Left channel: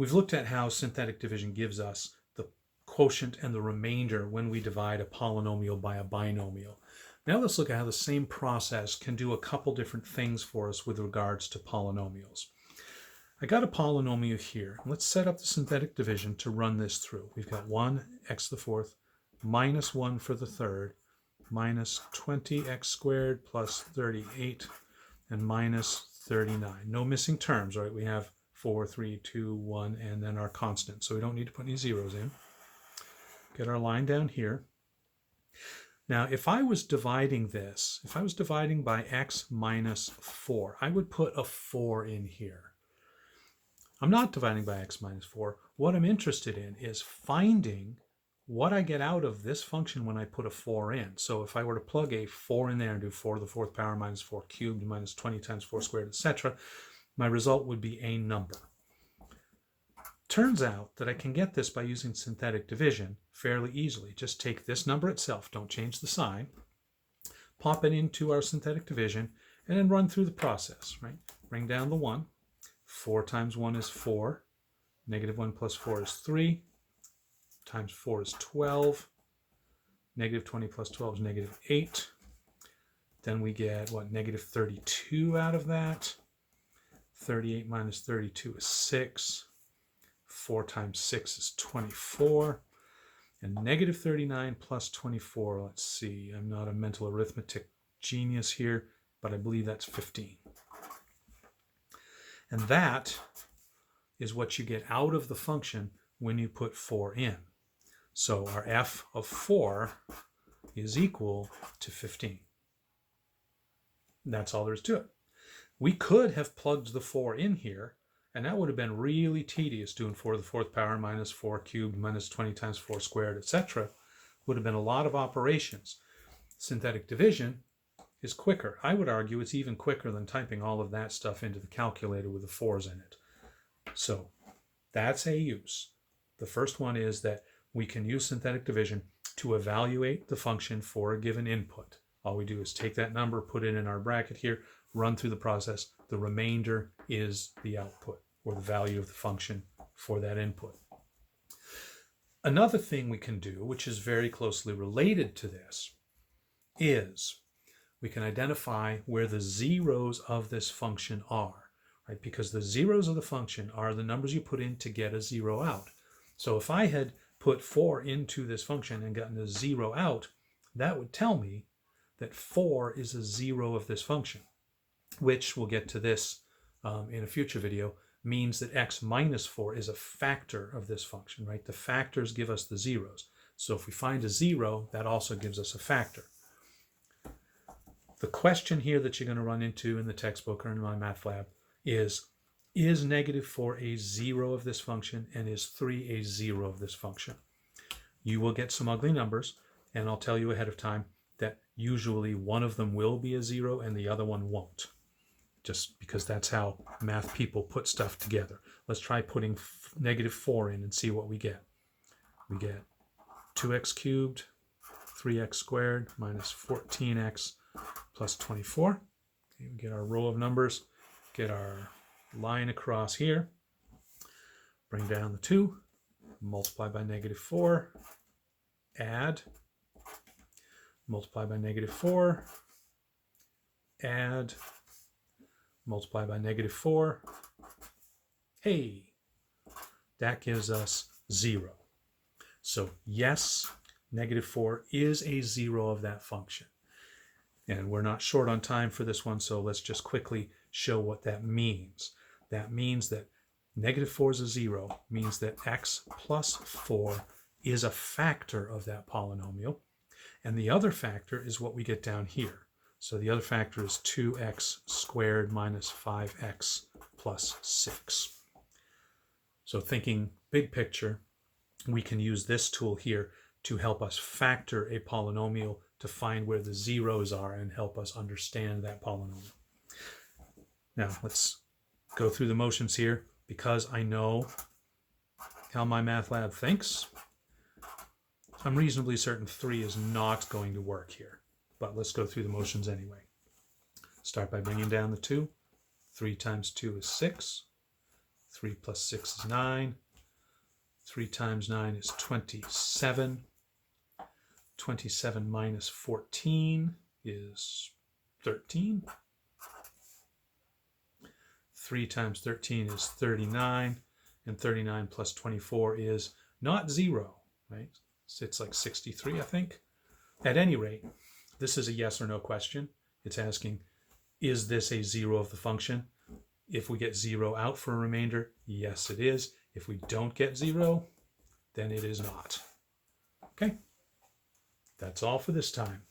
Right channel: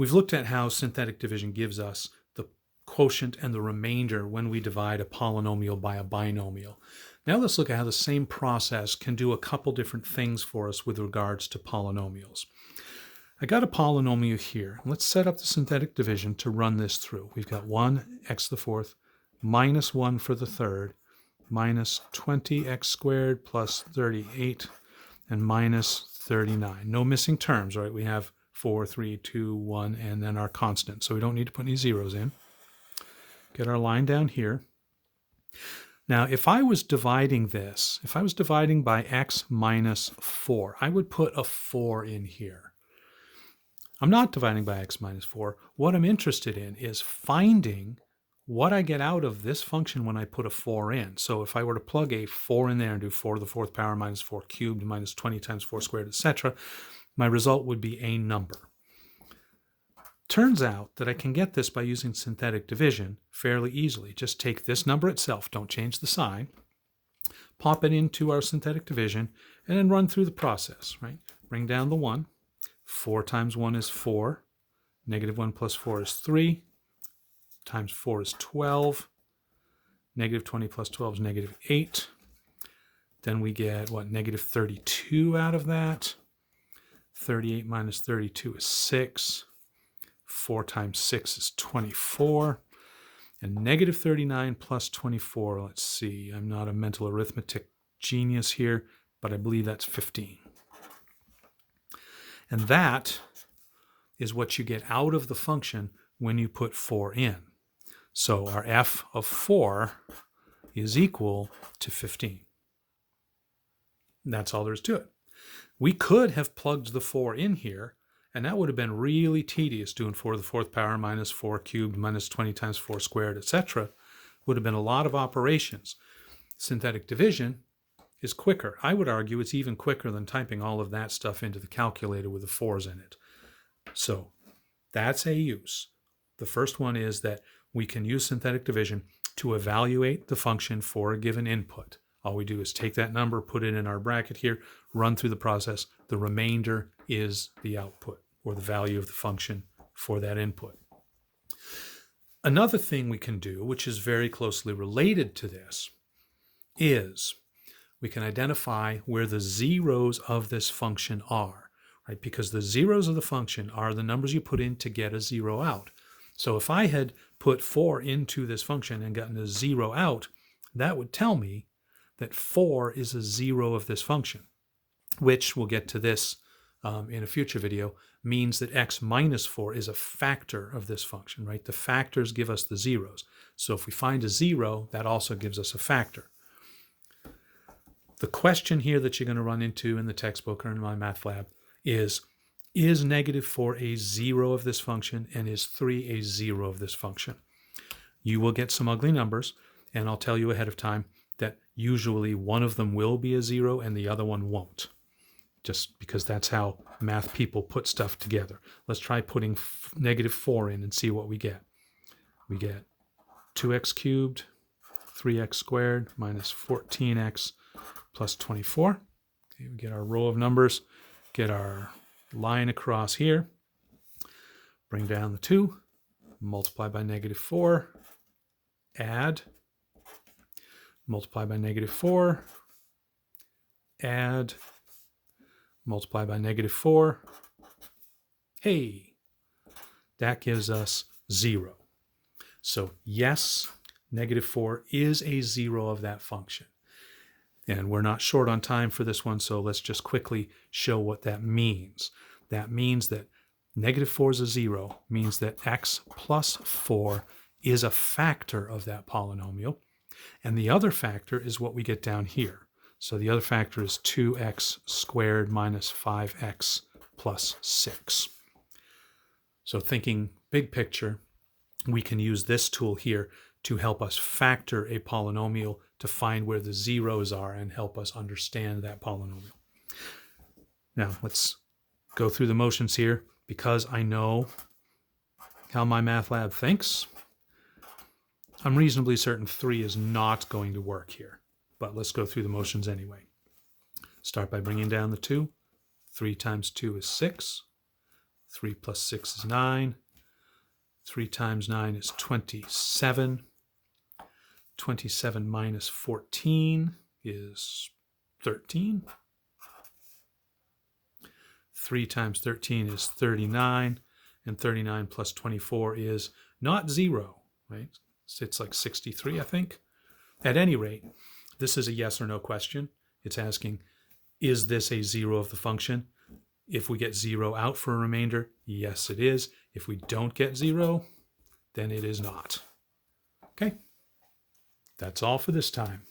We've looked at how synthetic division gives us the quotient and the remainder when we divide a polynomial by a binomial. Now let's look at how the same process can do a couple different things for us with regards to polynomials. I got a polynomial here. Let's set up the synthetic division to run this through. We've got 1x to the fourth minus 1 for the third minus 20x squared plus 38 and minus 39. No missing terms, right? We have 4, 3, 2, 1, and then our constant. So we don't need to put any zeros in. Get our line down here. Now, if I was dividing this, if I was dividing by x minus 4, I would put a 4 in here. I'm not dividing by x minus 4. What I'm interested in is finding what I get out of this function when I put a 4 in. So if I were to plug a 4 in there and do 4 to the fourth power minus 4 cubed minus 20 times 4 squared, etc., my result would be a number. Turns out that I can get this by using synthetic division fairly easily. Just take this number itself, don't change the sign, pop it into our synthetic division, and then run through the process, right? Bring down the 1. 4 times 1 is 4. Negative 1 plus 4 is 3. Times 4 is 12. Negative 20 plus 12 is negative 8. Then we get, what, negative 32 out of that. 38 minus 32 is 6. 4 times 6 is 24. And negative 39 plus 24, let's see, I'm not a mental arithmetic genius here, but I believe that's 15. And that is what you get out of the function when you put 4 in. So our f of 4 is equal to 15. That's all there is to it. We could have plugged the 4 in here, and that would have been really tedious, doing 4 to the fourth power minus 4 cubed minus 20 times 4 squared, etc. Would have been a lot of operations. Synthetic division is quicker. I would argue it's even quicker than typing all of that stuff into the calculator with the 4s in it. So that's a use. The first one is that we can use synthetic division to evaluate the function for a given input. All we do is take that number, put it in our bracket here, run through the process. The remainder is the output, or the value of the function for that input. Another thing we can do, which is very closely related to this, is we can identify where the zeros of this function are, right? Because the zeros of the function are the numbers you put in to get a 0 out. So if I had put 4 into this function and gotten a 0 out, that would tell me that 4 is a 0 of this function, which we'll get to this in a future video, means that x minus 4 is a factor of this function, right? The factors give us the zeros. So if we find a 0, that also gives us a factor. The question here that you're going to run into in the textbook or in MyMathLab is negative 4 a 0 of this function, and is 3 a 0 of this function? You will get some ugly numbers, and I'll tell you ahead of time that usually one of them will be a 0 and the other one won't, just because that's how math people put stuff together. Let's try putting negative 4 in and see what we get. We get 2x cubed, 3x squared, minus 14x plus 24. Okay, we get our row of numbers, get our line across here, bring down the 2, multiply by negative 4, add, multiply by negative 4, add, multiply by negative 4. Hey, that gives us 0. So yes, negative 4 is a 0 of that function. And we're not short on time for this one, so let's just quickly show what that means. That means that negative 4 is a 0, means that x plus 4 is a factor of that polynomial. And the other factor is what we get down here. So the other factor is 2x squared minus 5x plus 6. So thinking big picture, we can use this tool here to help us factor a polynomial, to find where the zeros are and help us understand that polynomial. Now let's go through the motions here. Because I know how MyMathLab thinks, I'm reasonably certain 3 is not going to work here, but let's go through the motions anyway. Start by bringing down the 2. 3 times 2 is 6. 3 plus 6 is 9. 3 times 9 is 27. 27 minus 14 is 13. 3 times 13 is 39. And 39 plus 24 is not 0, right? So it's like 63, I think. At any rate, this is a yes or no question. It's asking, is this a 0 of the function? If we get 0 out for a remainder, yes, it is. If we don't get 0, then it is not. Okay, that's all for this time.